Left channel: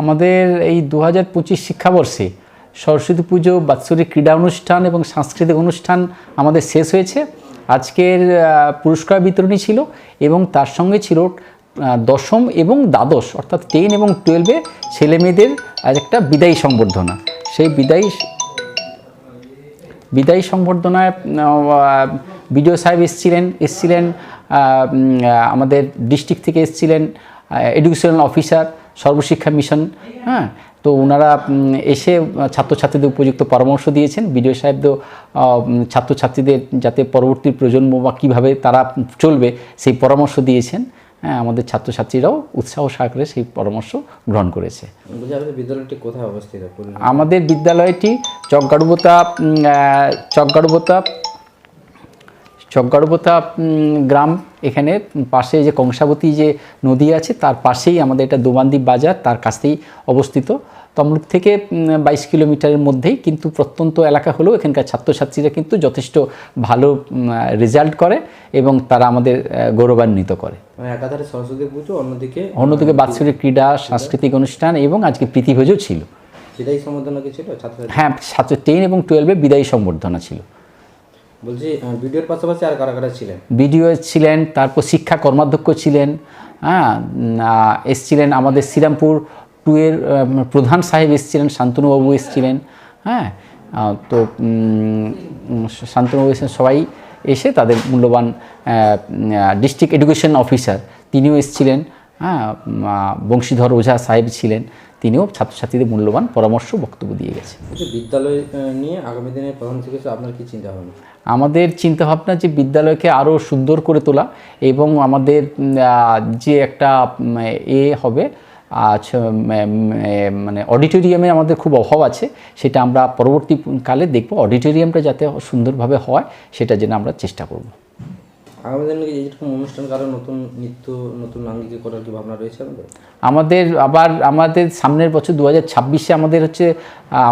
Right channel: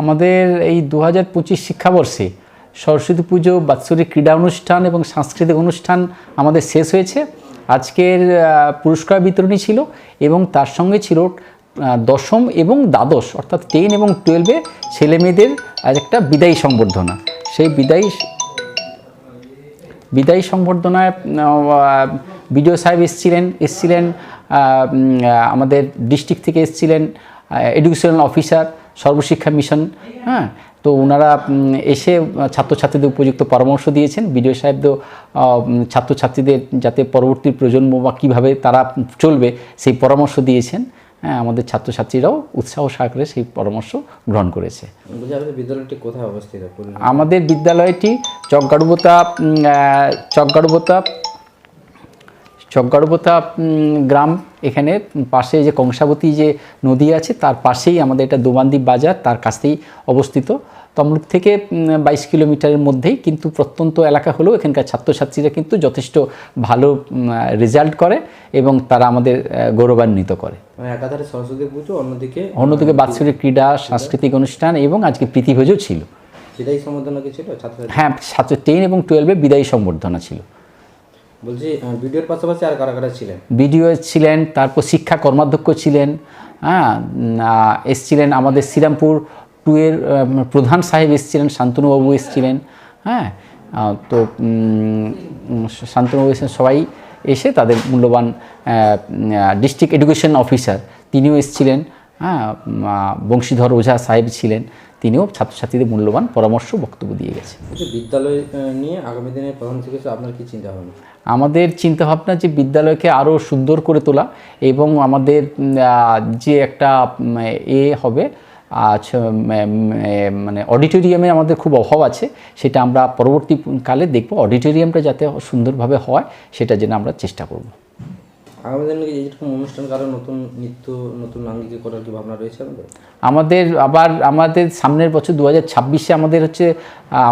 আমাদের এই দু হাজার পঁচিশ শিক্ষাবর্ষে সরস্বতী পুজো, বাৎসরিক ক্রীড়া অনুষ্ঠান এবং সাংস্কৃতিক অনুষ্ঠান আমাদের শেষ হয়েছে। আজকের পুরস্কার বিতরণী ছিল এবং তার সঙ্গে ছিল দশম এবং দ্বাদশ অর্থাৎ টেন এবং টুয়েলভে ছেলে মেয়েদের একটা বিদায়ী সংবর্ধনা। সেই বিদায়ী বিদায়ী সংবর্ধনায় বিডিও সাহেব এসেছিলেন এসেছিলেন আমাদের ডিস্ট্রিক্ট থেকে এসেছিলেন এডুকেশনাল অফিসার সর্বশিক্ষা মিশন হ্যাঁ? তো ওনারা এসে ছাত্রছাত্রীদের উপযুক্ত পরামর্শ দিয়েছেন। বিডিও সাহেব তো ছাত্রছাত্রীদের যাতে পরবর্তী প্রজন্ম বা কীভাবে তারা চলবে সেই পরামর্শ দিয়েছেন। হ্যাঁ আমাদের ছাত্রছাত্রীরাও উৎসাহ সহকারে সেই পরামর্শ গ্রহণ করেছে। বিদ্যালয়টি কোথায় অবস্থিত? আমাদের বিদ্যালয়টি চকগাড়ুবোতা চকগাড়ুবোতা চকগাড়ুবোতা গ্রাম এখানে পাশে যে কংসাবতী যে নদী আছে তার পাশেই আমাদের এটা দোবান্দি বাজার তার কাছেই অবস্থিত। তমলুক থেকে বাইশ কিলোমিটারের মধ্যেই কিন্তু প্রত্যন্ত এলাকা হলেও এখানকার ছাত্রছাত্রীরা কিন্তু যথেষ্ট ভালো রেজাল্ট করে এবং তারা আমাদের গৌরবান্বিত করে। একাধারে সরস্বতী পুজো অন্যদিকে অন্যদিকে বাৎসরিক ক্রীড়া সাংস্কৃতিক অনুষ্ঠান এবং আজকে প্রীতিভোজও ছিল। বিদায়ী সম্বোধনা কি ছিল হ্যাঁ ছাত্র টেন এবং টুয়েলভে বিদায়ী সম্বর্ধনা ছিল। বলছি ভিডিওর পাশাপাশি আর কারা কারা ছিলেন? বিডিও ছিলেন, তারপর শিক্ষা কর্মাধ্যক্ষ ছিলেন হ্যাঁ এসছিলেন আমাদের শ্রীরামপুর টু এর প্রধান সাহেব এসছিলেন, শান্তনুবাবু এসছিলেন হ্যাঁ তো শান্তনুবাবু এসেছেন, সবাই এসে তাদের মূল্যবান ডিস্ট্রিক্ট এডুকেশন অফিসার তিনিও এসছিলেন হ্যাঁ বংশীধর ওঝা সাহেব ছিলেন তিনিও ছাত্রছাত্রীদের মূল্যবান পরামর্শ বক্তব্য দিয়ে গেছেন। বলছি বিদ্যালয় নিয়ে আগামী দিনে প্রধান শিক্ষক আপনার কি চিন্তা ভাবনা আমাদের চিন্তাভাবনা যে বিদ্যালয়কে আরও সুন্দর করে তোলা এবং আমাদের যে একটা এ হবে আচ্ছা, মানে অডিটোরিয়ামে আমাদের খুব অভাব আছে সেটা আমরা পরবর্তীকালে দেখব। অডিটোরিয়ামটা যাতে সুন্দরভাবে হয় সেটা যেন আমরা চেষ্টা করব। আগামী দিনে কি এইরকম অনুষ্ঠান, কারও নতুন নৃত্য, নতুন আঙ্গিকে করার কি ভাবনা রয়েছে আমাদের? আমাদের আবার, আমাদের সামনের বছর দু হাজার ছাব্বিশে আমাদের হচ্ছে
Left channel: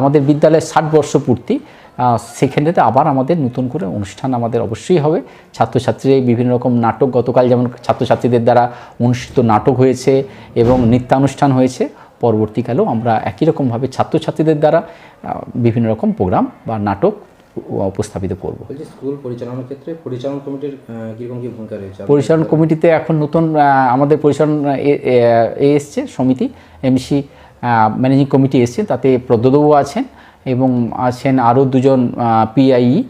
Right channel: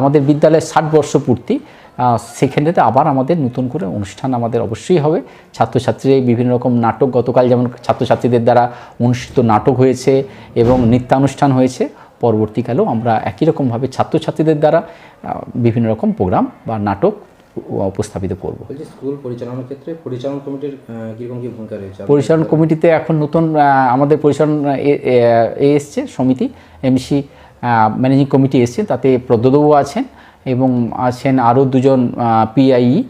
আমাদের বিদ্যালয়ের ষাট বর্ষ পূর্তি সেখানেতে আবার আমাদের নতুন করে অনুষ্ঠান আমাদের অবশ্যই হবে। ছাত্রছাত্রীরা বিভিন্ন রকম নাটক, গতকাল যেমন ছাত্রছাত্রীদের দ্বারা অনুষ্ঠিত নাটক হয়েছে এবং নৃত্যানুষ্ঠান হয়েছে, পরবর্তীকালেও আমরা একই রকমভাবে ছাত্রছাত্রীদের দ্বারা বিভিন্ন রকম প্রোগ্রাম বা নাটক উপস্থাপিত করব। স্কুল পরিচালনার ক্ষেত্রে পরিচালন কমিটির কীরকম কি ভূমিকা রয়েছে? পরিচালন কমিটিতে এখন নতুন আমাদের পরিচালন এ- এসছে সমিতি এমসি ম্যানেজিং কমিটি এসছে তাতে প্রদ্যোদবাবু আছেন এবং আছেন আরও দুজন পিআই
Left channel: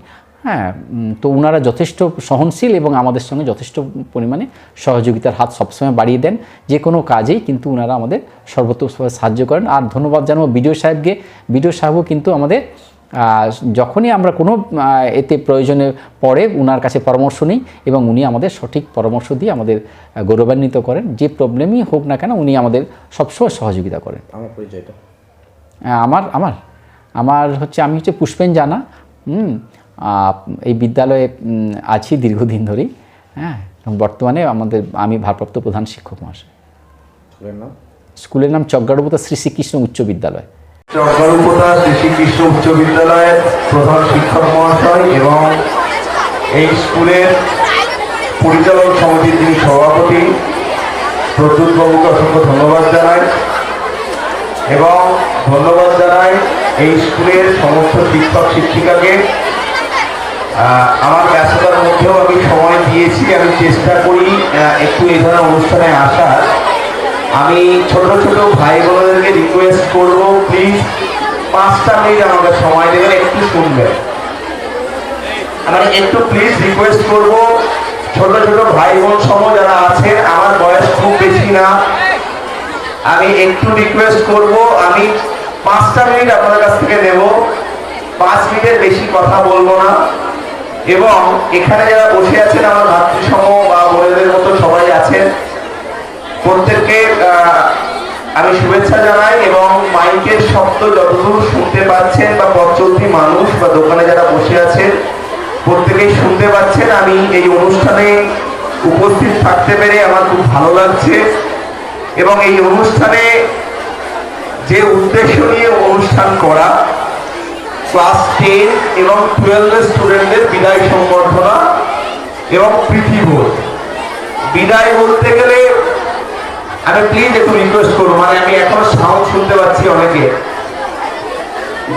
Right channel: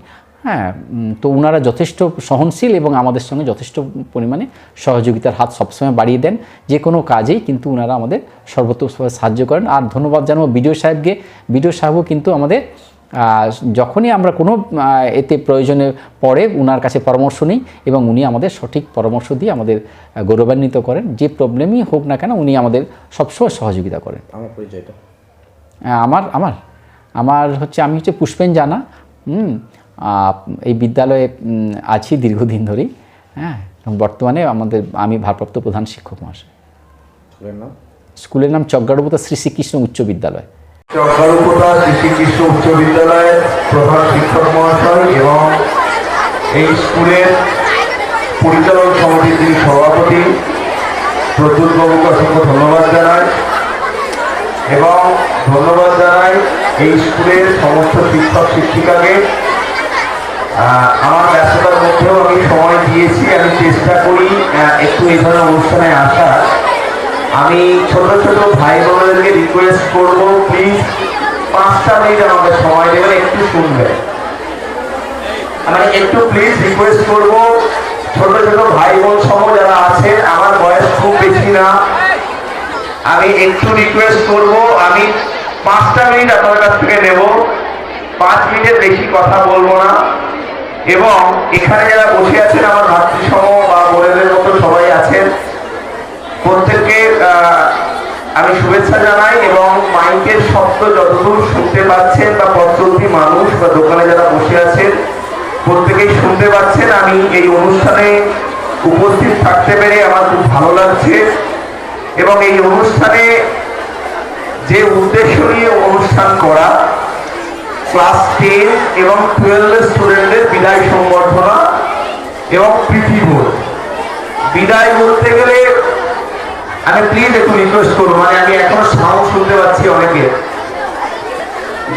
হ্যাঁ তো ওনারা যথেষ্ট সহনশীল এবং আমাদের সঙ্গে যথেষ্ট পরিমাণে সহযোগিতার হাত সবসময় বাড়িয়ে দেন যে কোনো কাজেই কিন্তু ওনারা আমাদের সর্বোত্তমভাবে সাহায্য করেন। আর ধন্যবাদ জানাব বিডিও সাহেবকে। বিডিও সাহেবও কিন্তু আমাদের যখনই আমরা কোনো এতে প্রয়োজনে পড়ে ওনার কাছে পরামর্শ নিই এবং উনি আমাদের সঠিক পরামর্শ দিয়ে আমাদের গৌরবান্বিত করেন যে প্রবলেমই হোক না কেন উনি আমাদের সবসময় সহযোগিতা করেন। আমার পরিচয়টা। আমার আমার আমার হচ্ছে আমি হচ্ছে পুষ্পেন জানা হুম এই বিদ্যালয়ে আছি দীর্ঘদিন ধরেই হ্যাঁ বর্তমানে আমাদের আমি ভারপ্রাপ্ত প্রধান শিক্ষক মহাশয়। স্কুলের নাম? স্কুলের নাম শ্রী শ্রীকৃষ্ণ উচ্চ বিদ্যালয়। চক্রবর্তী শ্রীকৃষ্ণ উচ্চ বিদ্যালয়ের প্রধান শিক্ষক মহাশয় এবং এই স্কুলের পরিচালক সমিতির যিনি সভাপতি প্রদ্যুৎ অসংখ্য ধন্যবাদ জানাই এবং ধন্যবাদ জানাই এই স্কুলের সমস্ত শিক্ষক শিক্ষিকাকে। আমার ব্যস্ততার মধ্যেও আমি সময় দিয়েছি, আমি চেষ্টা করি একটু এই ধরনের অনুষ্ঠানে আসার। আমি ছোট ছোট ভাই বোনদেরকে রিকোয়েস্ট করব প্লিজ পাঁচটা মিনিট আমাকে সময় দেবেন, একটু শুনবেন আমি একটু প্লিজ রিকোয়েস্ট করব, ছোট ছোট ভাই বোন সহ যারা আছেন আমার বয়স খুব বেশি না। আমি একটু রিকোয়েস্ট করব, আমি পাঁচটা মিনিট আপনার কাছ থেকে নেব। পাঁচ মিনিটের বেশি কথা বলব না। এবং এখানে যারা বসে আছেন, আমার ভাতৃসম বা বোনেদের মতো সবাই আছেন প্রত্যেককে আমি শুভেচ্ছা জানাই এবং মাইকের শব্দ যতদূর শুনতে পাচ্ছেন বা পথচলতি মানুষ বা দোকানে যারা বসে আছেন, প্রত্যেকেই শুনতে পাচ্ছেন। আমি এই অনুষ্ঠানে উপস্থিত থাকতে পেরে আমার খুব ভালো লাগছে এবং এই অনুষ্ঠানে যে উদ্দেশ্য নিয়ে অনুষ্ঠান করা, ক্লাস টেন এবং টুয়েলভ স্টুডেন্টদের বিদায় সংবর্ধনা এবং ভোট বিদায় বলতে গেলে আমি প্লিজ একটু রিকোয়েস্ট করব মানে আমি এখন সাউন্ড শুনতে পাচ্ছি অনেকে।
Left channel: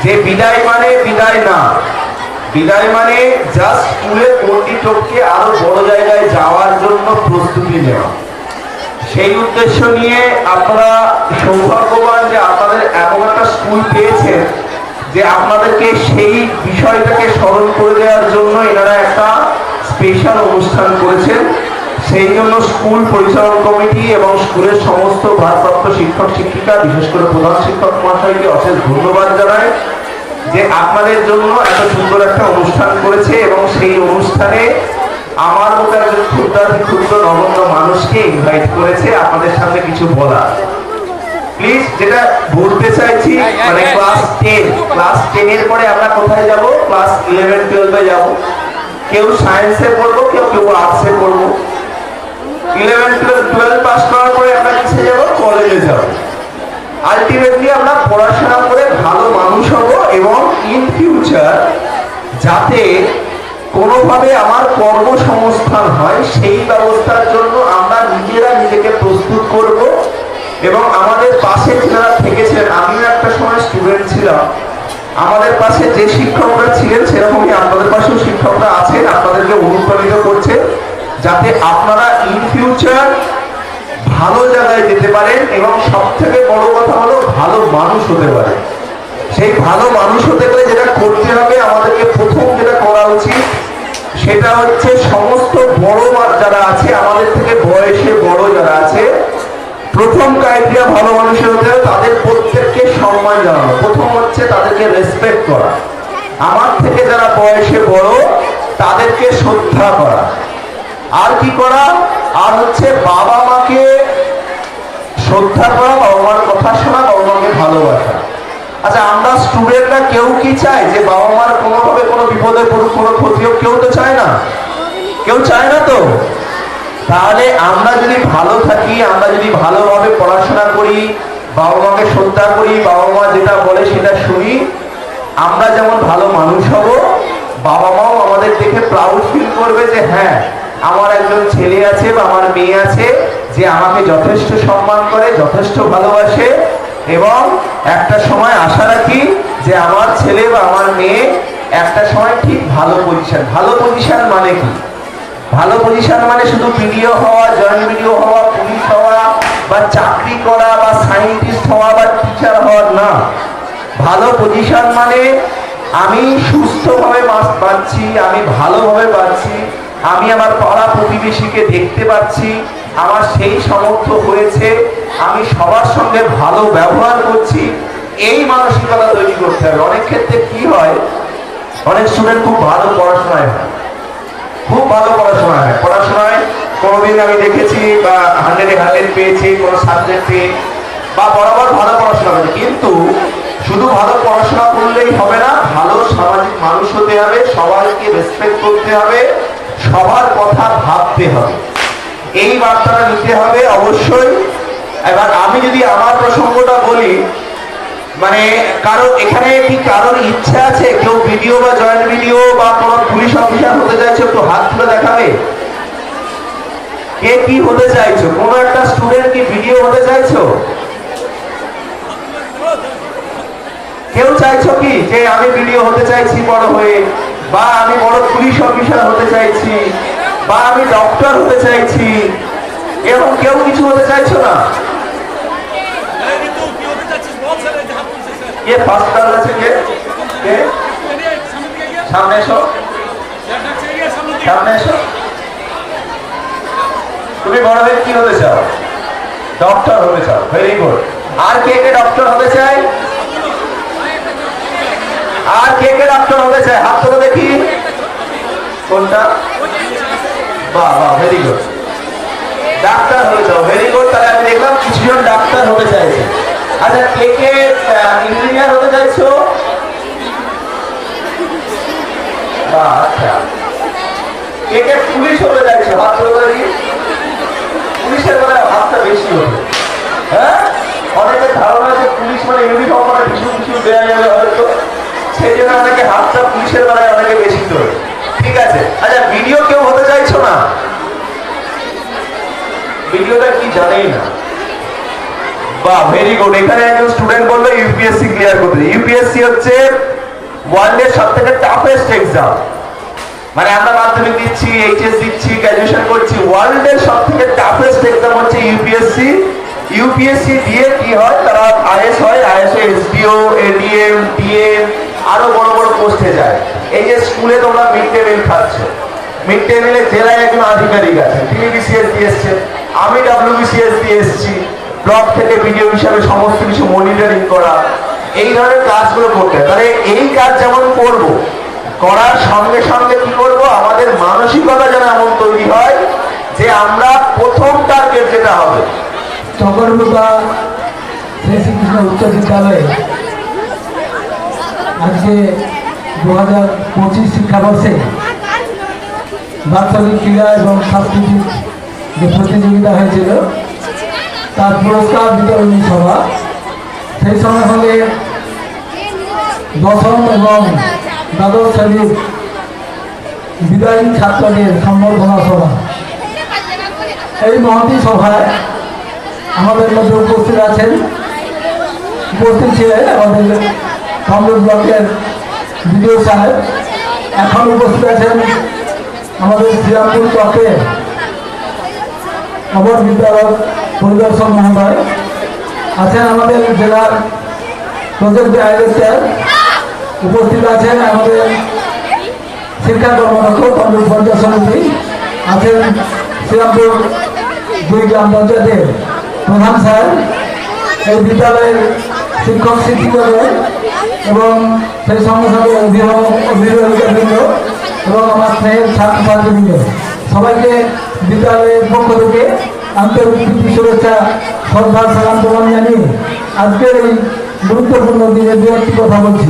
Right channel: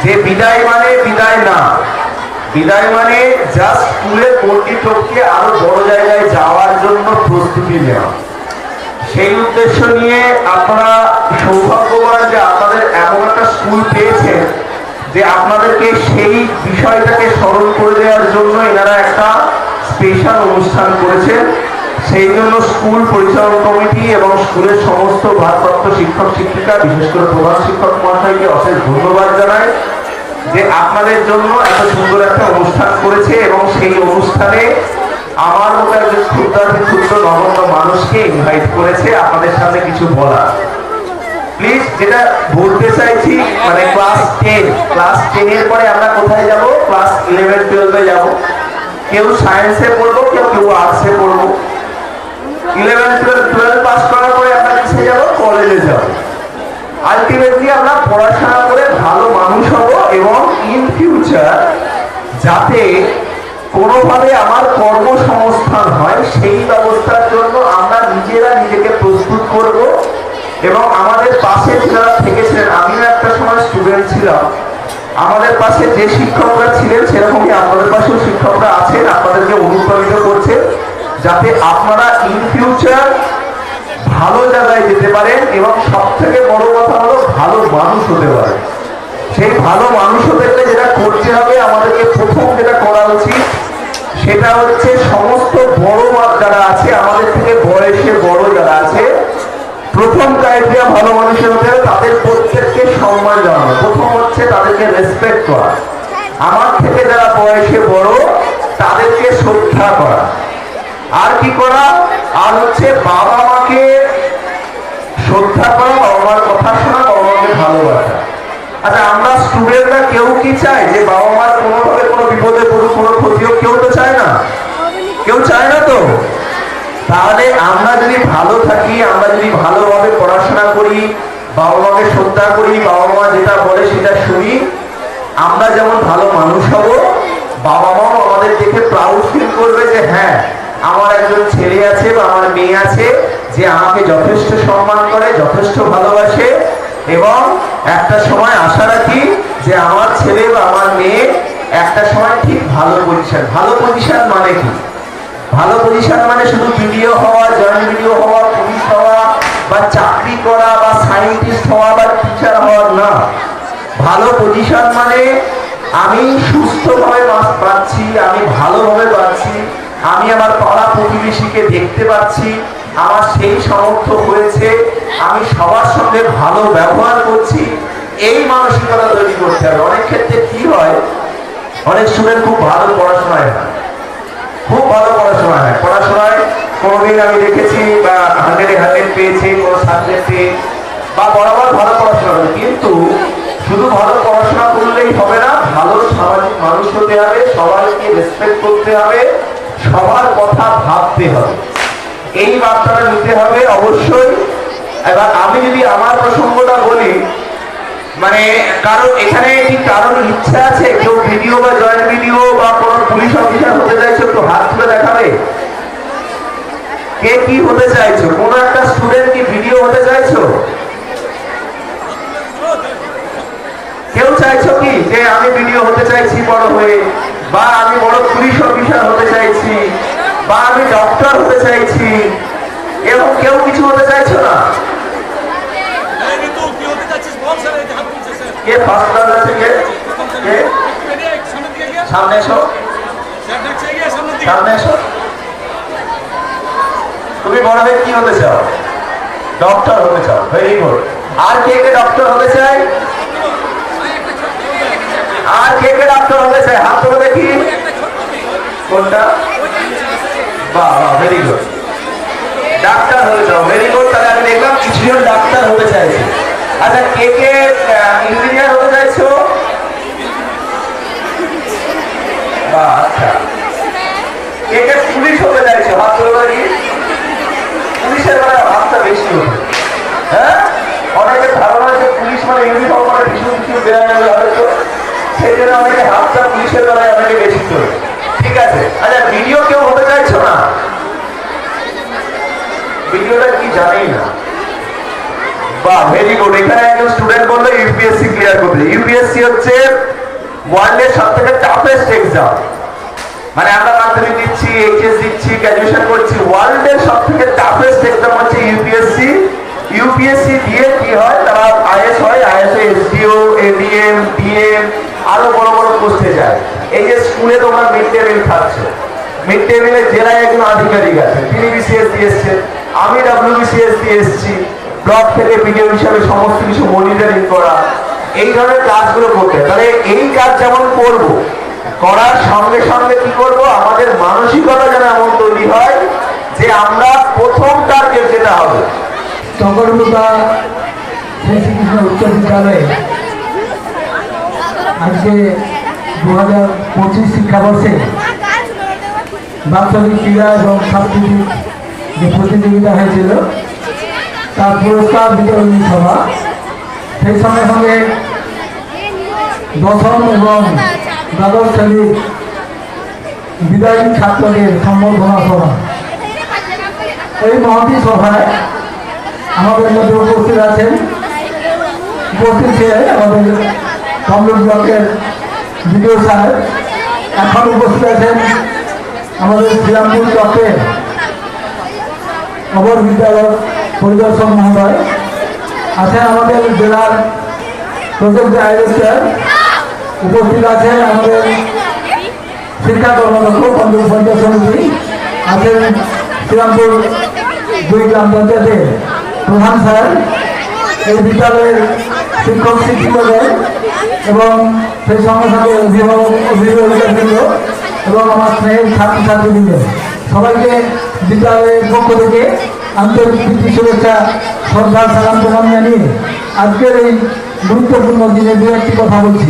যে বিদায় মানে বিদায় না। বিদায় মানে জাস্ট স্কুলে ভর্তি টপকে আরও বড় জায়গায় যাওয়ার জন্য প্রস্তুতি নেওয়া। সেই উদ্দেশ্য নিয়ে আপনারা সৌভাগ্যবান যে আপনাদের এমন একটা স্কুল পেয়েছেন যে আপনাদেরকে সেই বিষয়টাকে স্মরণ করে দেওয়ার জন্য এনারা একটা স্পেশাল অনুষ্ঠান করেছেন। সেই জন্য স্কুল পরিচালন কমিটি এবং স্কুলের সমস্ত ভারপ্রাপ্ত শিক্ষক শিক্ষিকা, বিশেষ করে প্রধান শিক্ষক মহাশয়কে অশেষ ধন্যবাদ জানাই যে আপনাদের জন্য এত সুন্দর একটা অনুষ্ঠান করেছে এবং সেই অনুষ্ঠানে আমার মতো একজন ক্ষুদ্রাতি ক্ষুদ্র নগণ্য মানুষকে ইনভাইট করেছে আপনাদের সামনে কিছু বলার। প্লিজ যেটা বলতে চাইছি মানে ক্লাস টেন ক্লাস টেন এর পরে আমরা কোথায় যাব? ক্লাস ইলেভেন টুয়েলভে যাব। কেউ সায়েন্সে পড়ব, কেউ কেউ আর্টসে পড়ব। ইলেভেন টুয়েলভ টুয়েলভ পাস করার পরে আমরা কিসে যাব? কলেজে যাব। আলটিমেটলি আমরা পড়াশোনা করে ভালো মানুষ হব এবং ইন ফিউচার যাতে কোনোভাবে আমার কর্মসংস্থান হয়, সেই ব্যবস্থার জন্য আমরা নিজেরা নিজেকে প্রস্তুত করব এবং আমাদের পাশে যারা থেকেছিলেন আমিও একটা সময় স্টুডেন্ট ছিলাম, আমাদের পাশে যে শিক্ষকরা ছিলেন, সেরকমই আপনাদের পাশেও শিক্ষকরা আছেন, আপনাদেরকে অনুপ্রাণিত করছেন। যাতে আপনারা ইন ফিউচার ভালো জায়গায় যেতে পারেন এবং সব থেকে বড় কথা হলো ভালো মানুষ হতে পারেন। সেই ভালো মানুষ হতে গেলে যেটা করতে হবে, আমাদেরকে প্রথম যেটা করা উচিত, সেটা হচ্ছে সমস্ত বড় যারা আছে, আমাদের থেকে বয়সে বড় যারা আছে, প্রথম ক্রাইটেরিয়া ভালো মানুষের হতে হবে, তাদের প্রত্যেককে সম্মান জানানো। প্রথম হচ্ছে তাদেরকে রেসপেক্ট করা। আমার থেকে যারা বয়সে বড়, তাদেরকে শ্রদ্ধা করা। আর কি করা? আর হচ্ছে বাবা মাকে শ্রদ্ধা করা বাবা মার কথা শোনা বাবা মাকে ভালোবাসা। আচ্ছা আমরা স্টুডেন্টরা কেউ কি চাই যে বাবা মার কোনোভাবে কোনো বিপদে পড়ুক, কোনো ক্ষতি হোক কেউ তো চায় না? কেউ চায় না তো? তাহলে আমরা যদি ভালো থাকি, আমরা যদি ভালোভাবে পড়াশোনা করি, বাবা মাকে শ্রদ্ধা করি, বাবা মা যেটা বলে সেটা শুনি, আমরা যেমন ভালো মানুষ হব, বাবা মাও আমাদের দেখে প্রাউড ফিল করবে যে হ্যাঁ একজন ছেলে আছে বা আমার মেয়ে আছে, যে আমাকে যথেষ্ট সম্মান করে, যথেষ্ট ভালোবাসে এবং একটা সময় আশা রাখি যে আমার ছেলে বা আমার মেয়ে একটা সময় ঠিক ভালো পজিশন ভালো পজিশন মানে কি? ভালো পজিশন মানে শুধু ভিডিও হওয়া জয়েন্ট ভিডিও হওয়া পুলিশ হওয়া, বা চাকরি করা, বা সায়েন্টিস্ট হওয়া, বা টিচার হওয়া, না। ভালো পজিশন মানে আমি সুস্থভাবে বাঁচছি, আমি ভালোভাবে বাঁচছি আমি আমার পাড়া প্রতিবেশীকে দেখতে পাচ্ছি, আমার সেই সামর্থ্য হয়েছে আমি সবার সঙ্গে ভালো ব্যবহার করছি, এই মানসিকতা তৈরি করতে হবে। অনেক ক্ষেত্রে কি হয়, অনেক স্টুডেন্ট খুব ভালো পড়াশোনায় খুব ভালো পড়াশোনা হয়। পড়াশোনায় কোনোদিন আমি দেখেছি হান্ড্রেডে হান্ড্রেড পেয়েছি, কোনো সাবজেক্টে বা বরাবর ভালো পড়াশোনা করে কিন্তু শুধু ভালো পড়াশোনা করলেই হবে না, ভালো সামাজিক মানুষ হতে হবে, সবাইকে রেসপেক্ট করতে হবে সবার কথা ভাবতে হবে। এই বার্তাটা নিতে হবে অবশ্যই। এবার আমি যদি আমার প্রসঙ্গটা বলি মানে কারও এখানে কি কারোর ইচ্ছা আছে, কেউ ভিডিও বা জয়েন্ট ভিডিও বা তোমার পুলিশ অফিসার হতে চাইছো তো হাত তুলে দেখাবে? কে কি হতে চাইছো? কোন একটা স্টুডেন্ট কি ভিডিও হতে চাইছো? কেউ চাইছো কি? যে আমি ভিডিও হতে চাইছি বড় হয়ে। বা আমি বড় পুলিশ অফিসার হতে চাইছি বা আমি ডক্টর হতে চাইছি এরকম কেউ কিছু হতে চাইছো না। কি ফার্স্ট আছে কে? কে। সামনে এসো। সামনে এসো। তুমি বড় হয়ে কি হতে চাও? ডক্টর হতে চাও ভেরি গুড আর কে কে ডক্টর হতে চাই আর কে কে হতে চায় হাত তুলে দেখি কোনটা? বাহ ভেরি গুড ডাক্তার হতে চাও ভেরি গুড তাহলে আমি দেখলাম কিছুজন ডাক্তার হতে চাইছে। আচ্ছা কে কে ইঞ্জিনিয়ার হতে চাইছো? আচ্ছা। কে কে পুলিশ হতে চাইছো? হাত তুলে দেখি। পুলিশের মানে হাতটা বেশি হবে। হ্যাঁ? অনেকের ধারণা আছে পুলিশ মানে ইউনিফর্ম মানে ভীষণ ভীষণ দেওয়া যাবে হয়তো। সেই জন্য অনেকে হাতটা পুলিশের বেলায় অনেকে বেশি ঠিক আছে? আচ্ছা ভিডিও কেউ হতে চাইছো না? ভিডিওটা কি জানেই না। বাহ ভেরি গুড এখানে একজন স্টুডেন্ট বলল ইউপিএস ইউপিএসসি হচ্ছে ওয়ার্ল্ডের সব থেকে টাফেস্ট এক্সাম মানে আমরা মাধ্যমিক দিচ্ছি এইচএস দিচ্ছি গ্র্যাজুয়েশন করছি ওয়ার্ল্ডের সব থেকে টাফেস্ট এক্সাম হচ্ছে ইউপিএসসি ইউপিএসসি দিয়ে কি হয়? তারা আইএস হয় আইএস এসডিও এডিএম ডিএম আরও বড় বড় পোস্টে যায়। এই যে স্কুলে তোমরা মিড ডে মিল খাচ্ছ। মিড ডে মিলে জেলায় একজন আধিকারিক আছে। তিনি বিসিএস দিয়ে এসছেন। আমি ডাব্লিউবিসিএস দিয়ে এসেছি। ব্লক থেকে ভিডিও হিসাবে সমস্ত কিছু মনিটরিং করা। এই ধরনের কাজগুলো করতে তাহলে এই কাজ যেমন করব, করার সঙ্গে সঙ্গে কি করব? আমাদের মানসিকতা যেন এমন তৈরি হয় যে আমরা প্রথম টার্গেট যেটা হবে। চকরমুদা শ্রী উচ্চ বিদ্যালয়ে আজকে দু হাজার পঁচিশ শিক্ষাবর্ষে বাৎসরিক ক্রীড়া এবং সাংস্কৃতিক যে প্রতিযোগিতা হয়েছিল, তার পুরস্কার বিতরণী সভা। সেই সঙ্গে সঙ্গে দশম এবং দ্বাদশ শ্রেণির বিদায়ী ছাত্রদের সম্বর্ধনা সভা। এই মহতি সভায় আমাদের মধ্যে উপস্থিত আছেন, উপস্থিত ছিলেন আমাদের কমল ব্লকের বিডিও সাহেব এখন উপস্থিত আছেন আমাদের শ্রীরামপুর ব্লকের নগর বিদ্যালয় পরিদর্শন মহোদয়, আছেন আমাদের জেলার প্রজেক্ট ডাইরেক্টর, উপস্থিত আছেন আমাদের শিক্ষা কর্মরত পঞ্চায়েত পঞ্চায়েত সমিতি, আছেন শ্রীরামপুর দুই গ্রাম পঞ্চায়েতের প্রধান স্যার, এই বিদ্যালয়ের শিক্ষক শিক্ষিকাগণ এবং সেই সঙ্গে সঙ্গে অভিভাবক অভিভাবকবৃন্দ এবং আমার স্নেহের ছাত্রছাত্রীবৃন্দ সবাইকে বিদ্যালয়ের পক্ষ থেকে আন্তরিক শুভেচ্ছা শ্রদ্ধা সালাম প্রণাম জানিয়ে আজকের গুরুত্বপূর্ণ দিনে দু একটি কথা বলছি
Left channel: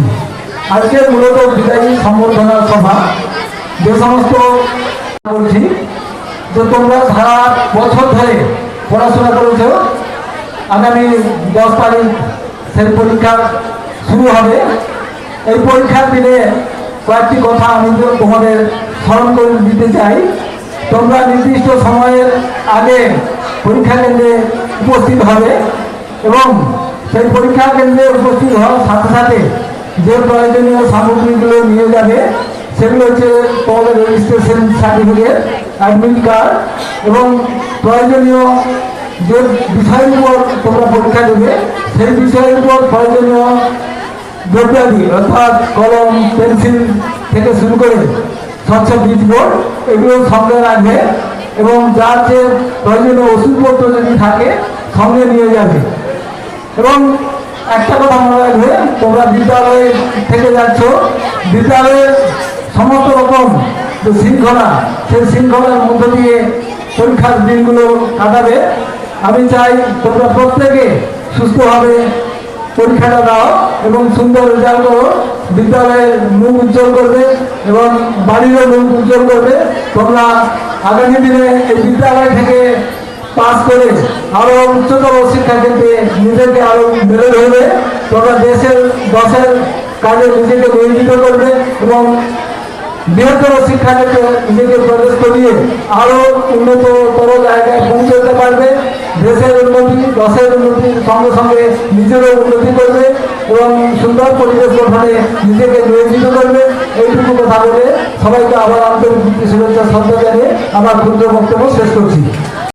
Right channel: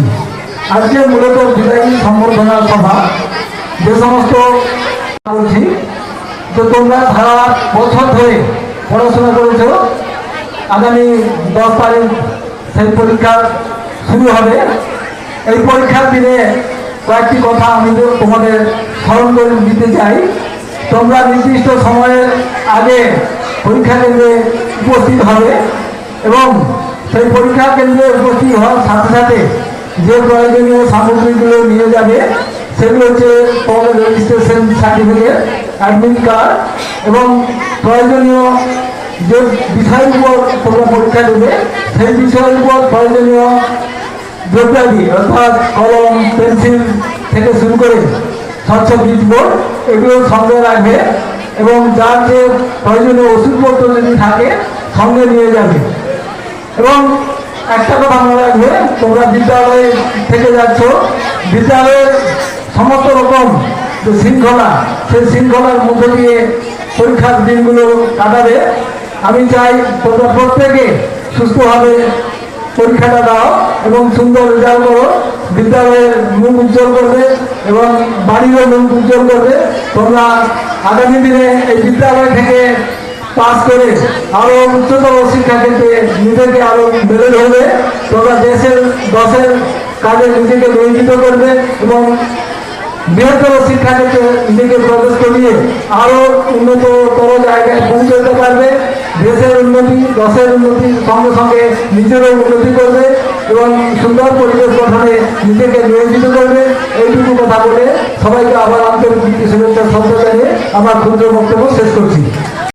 আজকের মূলত বিদায়ী সম্বর্ধনা সভা যে সমস্ত বলছি যে তোমরা সারা বছর ধরে পড়াশোনা করেছ আগামী দশ তারিখ সেই পরীক্ষা শুরু হবে। এই পরীক্ষার দিনে কয়েকটি কথা আমি তোমাদের স্মরণ করে দিতে চাই। তোমরা নির্দিষ্ট সময়ের আগে পরীক্ষা কেন্দ্রে উপস্থিত হবে এবং সেই পরীক্ষা কেন্দ্রে উপস্থিত হওয়ার সাথে সাথে যে প্রয়োজনীয় সামগ্রীগুলো নিয়ে যাবে, সেগুলো হচ্ছে call registration certificate admit card এবং প্রয়োজনীয় যে বিষয়গুলো তোমরা পরীক্ষা দেবে, সেই বিষয়ের উপর প্রয়োজনীয় দ্রব্যাদি অর্থাৎ কলম, পেন্সিল থেকে শুরু করে স্বচ্ছ বীজবোর্ড এগুলো সঙ্গে রাখবে এবং যার যে প্রয়োজনীয় ওষুধপত্র যদি থাকে সঙ্গে নিয়ে যাবে। এবং একটা কথা মনে রাখবে, তোমরা বিদ্যালয়ে থেকে যাচ্ছ বিদ্যালয়ের সমস্ত রকম যে শৃঙ্খলা, সেই শৃঙ্খলার মধ্যে দিয়ে পরীক্ষার দিনগুলো কাটাবে আমি চাই তোমরা প্রত্যেকে সুস্থভাবে পরীক্ষাটা দাও এবং সুন্দর রেজাল্ট করো। বিদ্যালয়ের মুখ উজ্জ্বল করবে এবং বাড়িরও মুখ উজ্জ্বল করবে। তোমরা আগামী দিনে এই বিদ্যালয় থেকে পাস করে আরও উচ্চতর শিক্ষা ক্ষেত্রে নিজেকে আরও বেড়ে ধরবে। তোমরা দেশের দেশের কাজে নিজেকে নিয়োজিত করবে এবং বৃহত্তর শিক্ষাক্ষেত্রে নিজেকে প্রবেশ করিয়ে আরও উন্নত বড় জায়গায় পৌঁছতে পারবে। দেশের উন্নতি, দশের উন্নতির সঙ্গে সঙ্গে নিজেরও উন্নতি করবে এবং সুন্দর পরিবেশ গঠনে নিজেকে নিয়োজিত করবে। এইটুকু কথা বলে সবাইকে আবার আন্তরিক শুভেচ্ছা জানিয়ে আমার ক্ষুদ্র বক্তব্য শেষ করছি।